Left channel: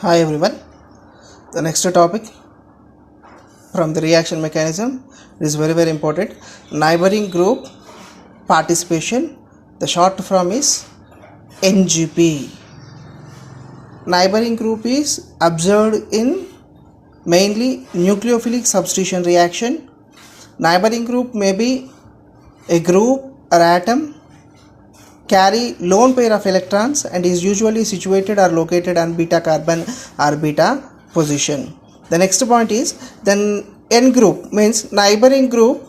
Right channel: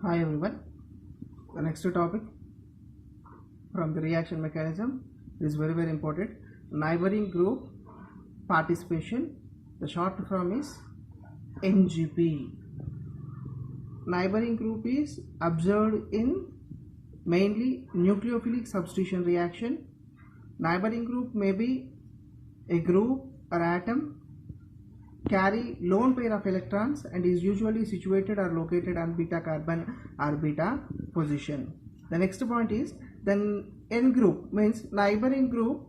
Hi everyone. The next topic from the reaction mechanism is very important. Neighboring group participation. The short form is NGP. Neighboring group is observed in mainly nucleophilic substitution reaction. Neighboring group may be a group or atom carry lone pair of electrons and is usually situated or located on beta carbon or beta position. The next point is then N group means neighboring group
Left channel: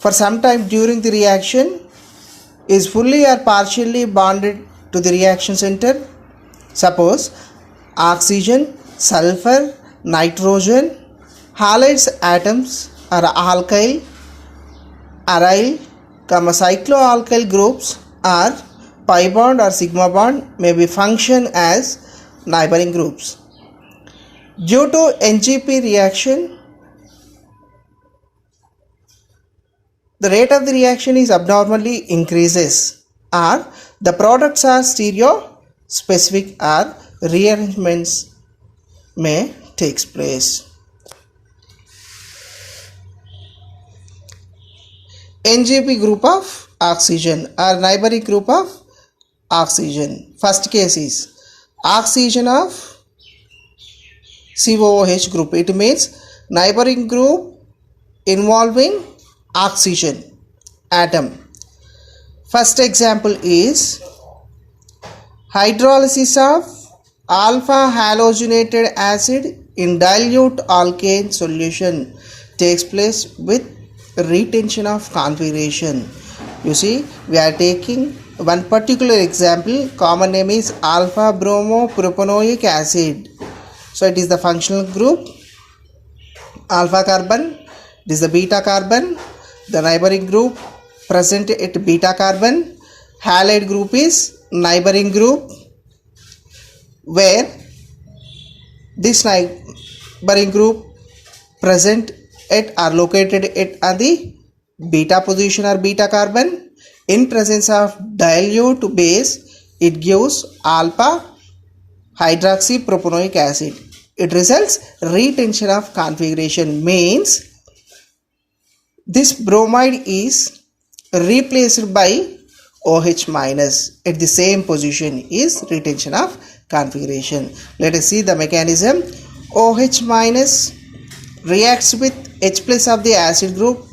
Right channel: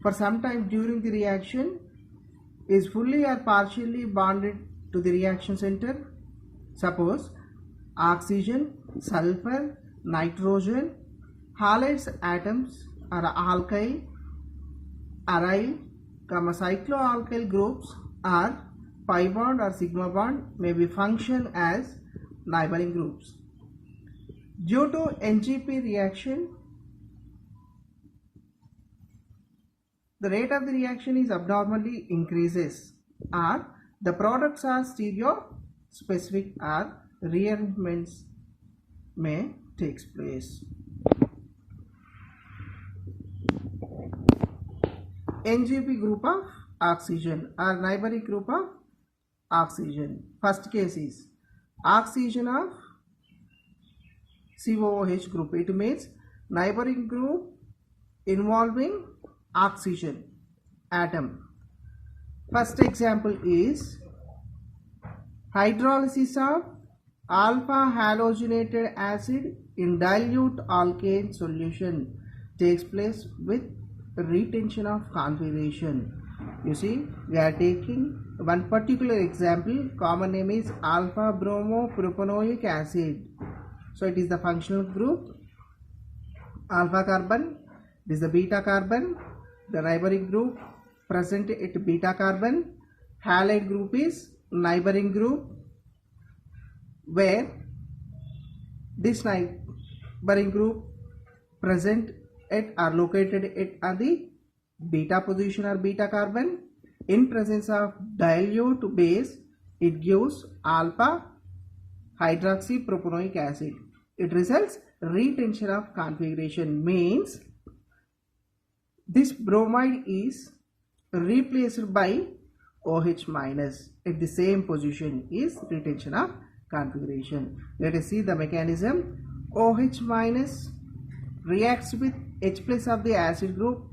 for some time during the reaction is fully or partially bonded to the reaction center. Suppose oxygen, sulfur, nitrogen, halides atoms are alkyl, aryl, cycloalkyl groups or pi bond or sigma bond may be function as neighboring groups. Due to NGP reaction, the rate of the reaction is abnormally increases or the products are stereo specific or rearrangements may takes place. NGP group of oxygen or neighboring group of oxygen. First case is oxygen of COOH group. It means neighboring group involving oxygen atom. First example is hydrolysis of alpha halogenated acid in dilute alkane solution takes place with retention of configuration. You see, we are taking one particular example. Common name is alpha bromopropanoic acid. So it is the functional group alpha carbon. This is the beta carbon. The neighboring group present at beta carbon. Halide group is neighboring group where this neighboring group present at or located at the beta position or beta carbon. In presence of dilute base, it gives alpha hydroxypropanoic acid. It results retention of configuration, means this bromide is replaced by OH minus at the same position is retention of configuration. Let us see the mechanism. OH minus reacts with H plus of the acid group.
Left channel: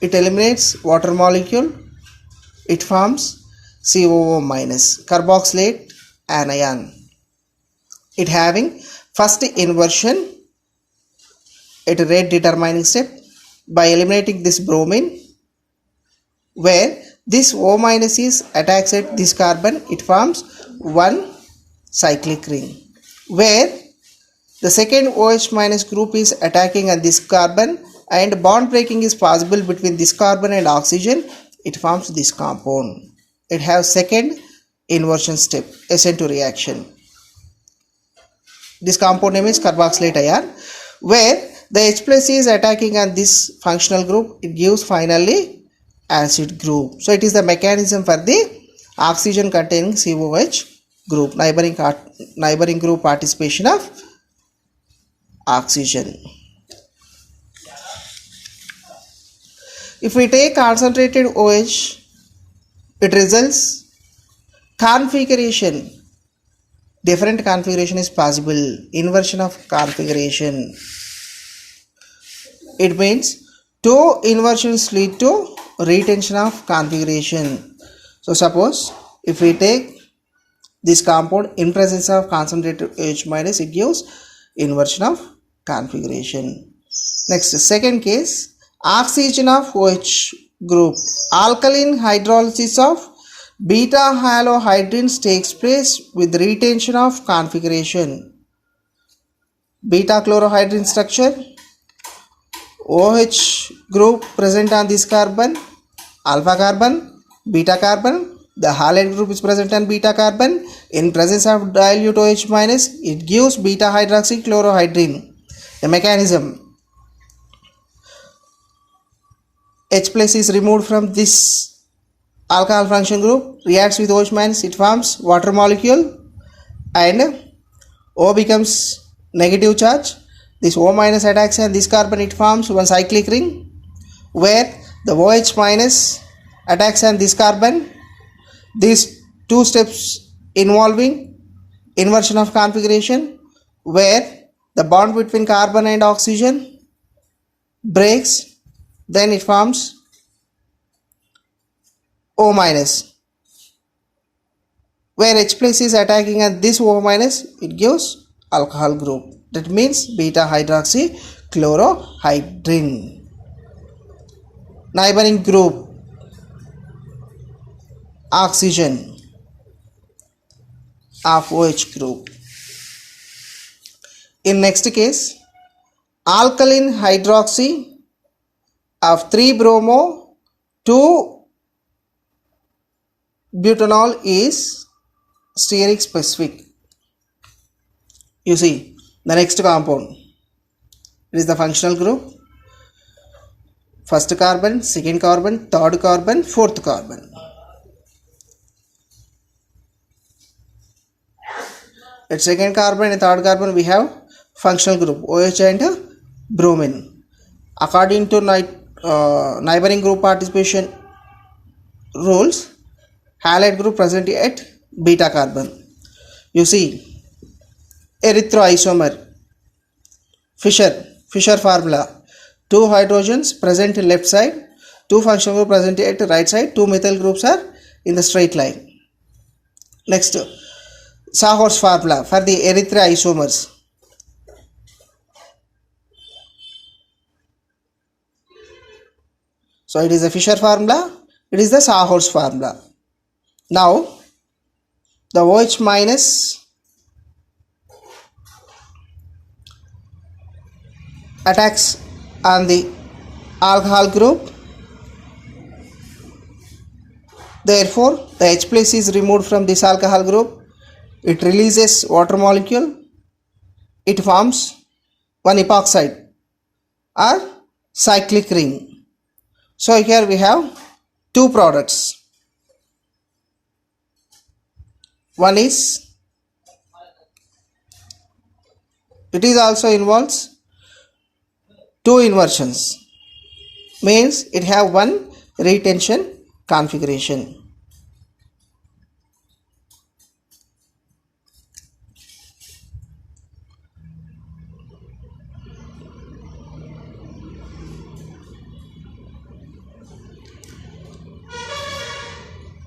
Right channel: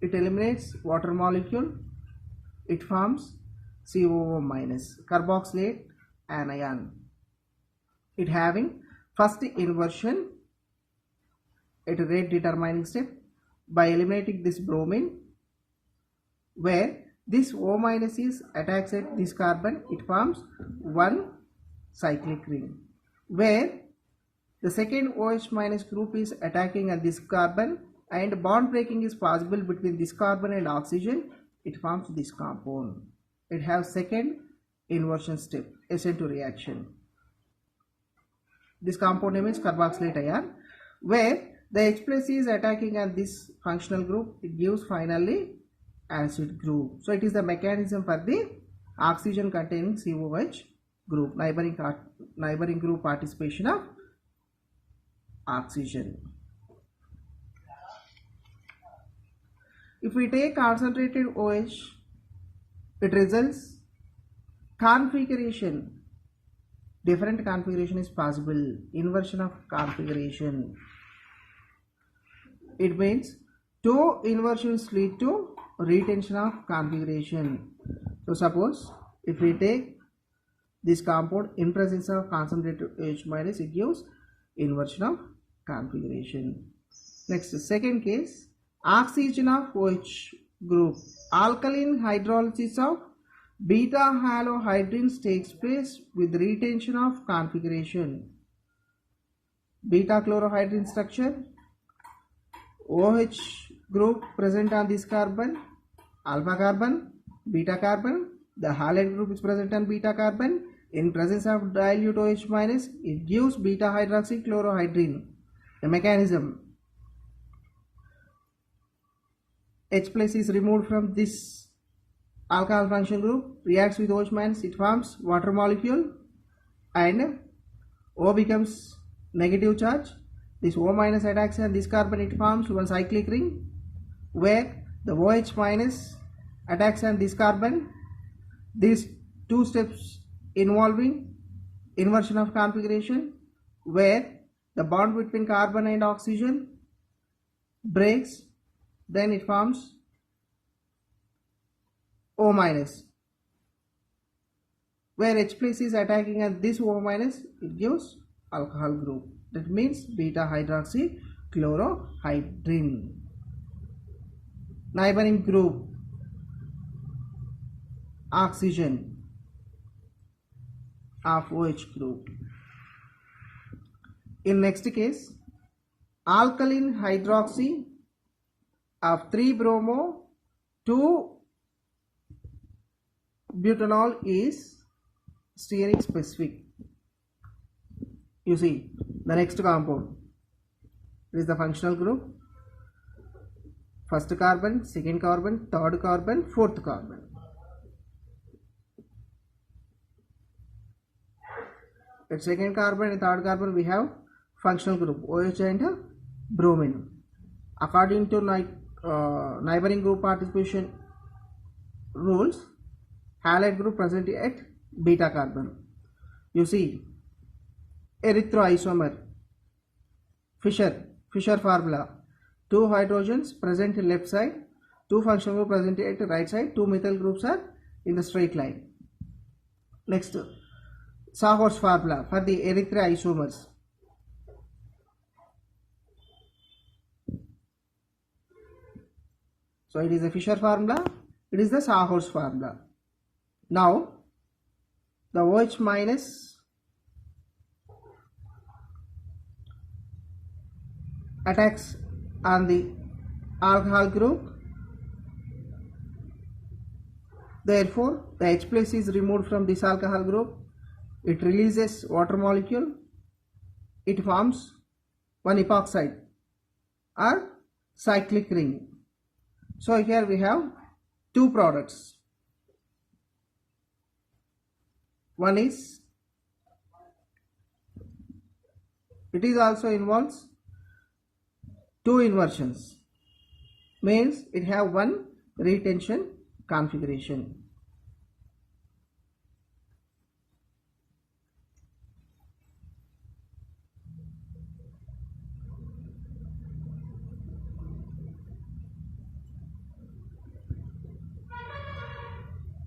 It eliminates water molecule. It forms COO minus carboxylate anion. It having first inversion at a rate determining step by eliminating this bromine, where this O minus is attacks at this carbon. It forms one cyclic ring, where the second OH minus group is attacking on this carbon and bond breaking is possible between this carbon and oxygen. It forms this compound. It has second inversion step, SN2 reaction. This compound name is carboxylate ion, where the H plus is attacking on this functional group. It gives finally acid group. So it is the mechanism for the oxygen containing COH group, neighboring group participation of oxygen. If we take concentrated OH, it results configuration. Different configuration is possible. Inversion of configuration. It means two inversions lead to retention of configuration. So suppose if we take this compound in presence of concentrated OH minus, it gives inversion of configuration. Next, second case, oxygen of OH group. Alkaline hydrolysis of beta halohydrins takes place with retention of configuration. Beta chlorohydrin structure. OH group present on this carbon, alpha carbon, beta carbon. The halide group is present on beta carbon. In presence of dilute OH minus, it gives beta hydroxychlorohydrin. The mechanism: H plus is removed from this alkyl function group, reacts with OH minus, it forms water molecule, and O becomes negative charge. This O minus attacks and this carbon, it forms one cyclic ring where the OH minus attacks and this carbon. These two steps involving inversion of configuration where the bond between carbon and oxygen breaks, then it forms O minus. Where H plus is attacking at this O minus, it gives alcohol group. That means beta hydroxy chlorohydrin. Neighboring group oxygen of OH group. In next case, alkaline hydroxy of 3-bromo 2-butanol is steric specific. You see the next compound, it is the functional group. First carbon, second carbon, third carbon, fourth carbon. At second carbon and third carbon we have functional group OH and bromine. According to neighboring group participation rules, halide group present at beta carbon. You see erythroisomer, Fischer formula, 2 hydrogens present in left side, 2 functional group present at right side, 2 methyl groups are in the straight line. Next, Sahor's formula for the erythroisomers. So it is the Fischer formula, it is the Sahor's formula. Now the OH minus attacks on the alcohol group. Therefore, the H plus is removed from this alcohol group. It releases water molecule. It forms one epoxide or cyclic ring. So here we have two products. One is, it is also involves two inversions, means it have one retention configuration.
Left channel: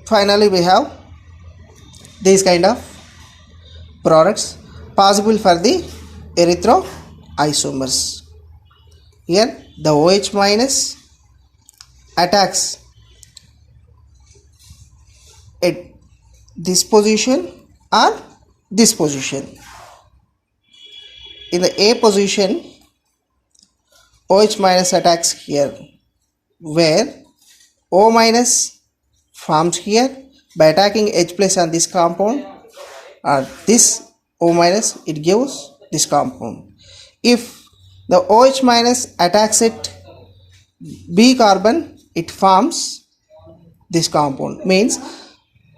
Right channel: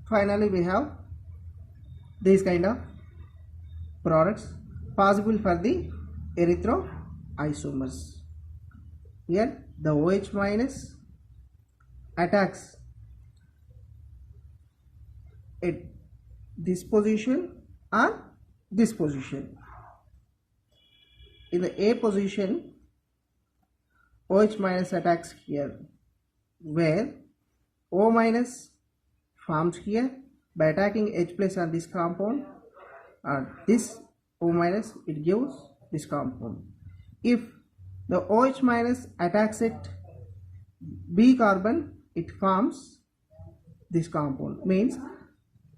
Finally, we have these kind of products possible for the erythroisomers. Here the OH minus attacks at this position or this position. In the A position, OH minus attacks here, where O minus forms here by attacking H plus on this compound, or this O minus, it gives this compound. If the OH minus attacks at B carbon, it forms this compound, means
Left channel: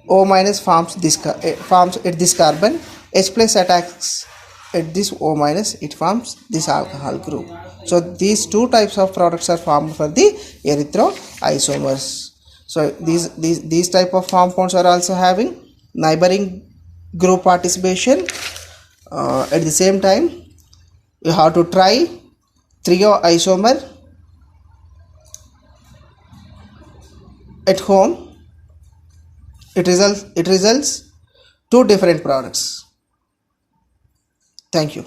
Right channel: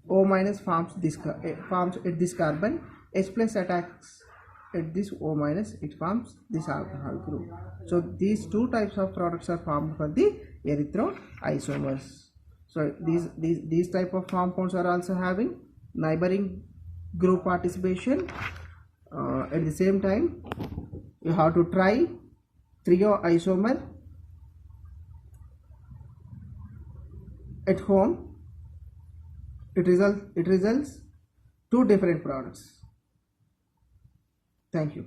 O minus forms at this carbon, H plus attacks at this O minus, it forms this alcohol group. So these two types of products are formed for the erythroisomers. So these type of compounds are also having neighboring group participation. At the same time, you have to try trioisomer at home. It results two different products. Thank you.